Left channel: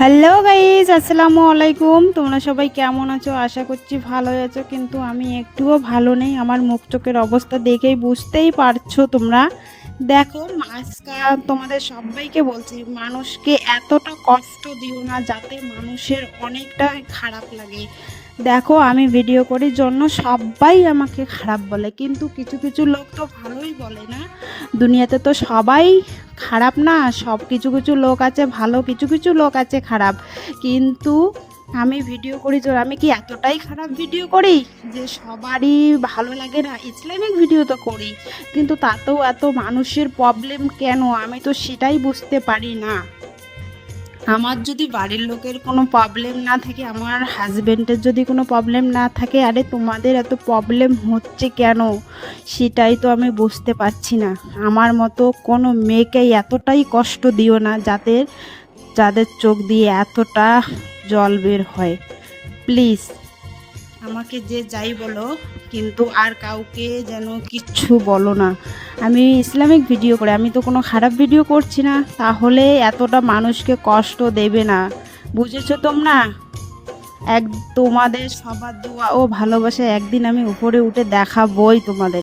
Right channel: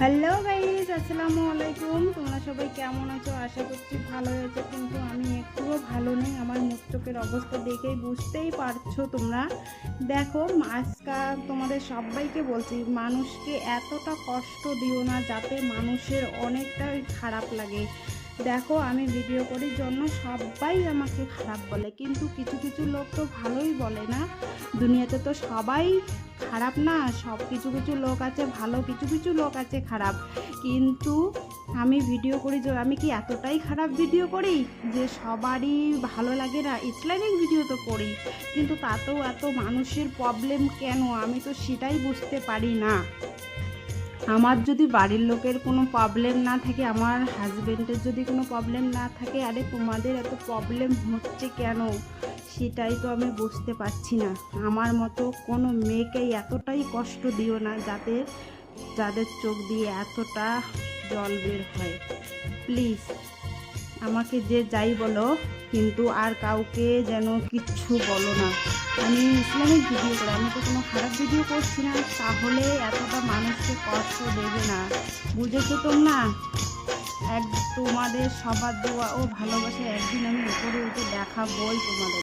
Hello guys আসসালামু আলাইকুম। তোমরা সবাই কেমন আছো? আশা করছি ভালো আছো, কিন্তু আমি একটুও ভালো নেই। আমার মুখ চোখের অবস্থা দেখেই বুঝতেই পারছ তোমরা। দেখো আজকাল তোমাদের সবাইকে বলছি, মানুষকে এতটা কষ্ট দিও না যাতে মানুষের অনেকটা খারাপ লাগে। দেখো, আমি ভিডিও করি জন্য সবাই আমাকে খারাপ বলে, কিন্তু কিছু কিছু লোক তো ভালোই বলে না। দুনিয়াতে তো সবাই খারাপ না, সব কিছু কিছু লোক আছে, ভালো কিছু কিছু লোক আছে খারাপ। কিন্তু আমি ভিডিও করি তো আমি কি এতটাই খারাপ ভিডিও করি যে, সবারই ভালো লাগে না, ইসলামিক ভিডিও তো করি। কিন্তু তাতেও এত মানুষের প্রবলেম কেন? আমি তো সেটাই বুঝতে পারি না। আমার যদি বাড়ির লোকের কোনো প্রবলেম না থাকে, আমার হাজব্যান্ডের যদি কোনো প্রবলেম না থাকে, আরে তোমাদের এত প্রবলেম হচ্ছে কেন? সেটাই তো আমি বুঝতে পারছি না। আমার মতো কোনো মেয়েকে এতটাই কষ্ট দিও না যাদের যাদের চোখ দিয়ে এতটা জল বের হয়। প্লিজ আমাকে যে যাই বলো কিন্তু আর কাউকে যেন কিচ্ছু বলো না। আমি ইসলামিক ভিডিও করে, আমি তো কোনো খারাপ ভিডিও করছি না। তাহলে এতটা মানুষকে কষ্ট দেবে না। বুঝেছ তোমরা? এক তোমাদের সবার দোয়া ও ভালোবাসা একদিন আমি উপরে উঠে দেখাবই তোমাদের।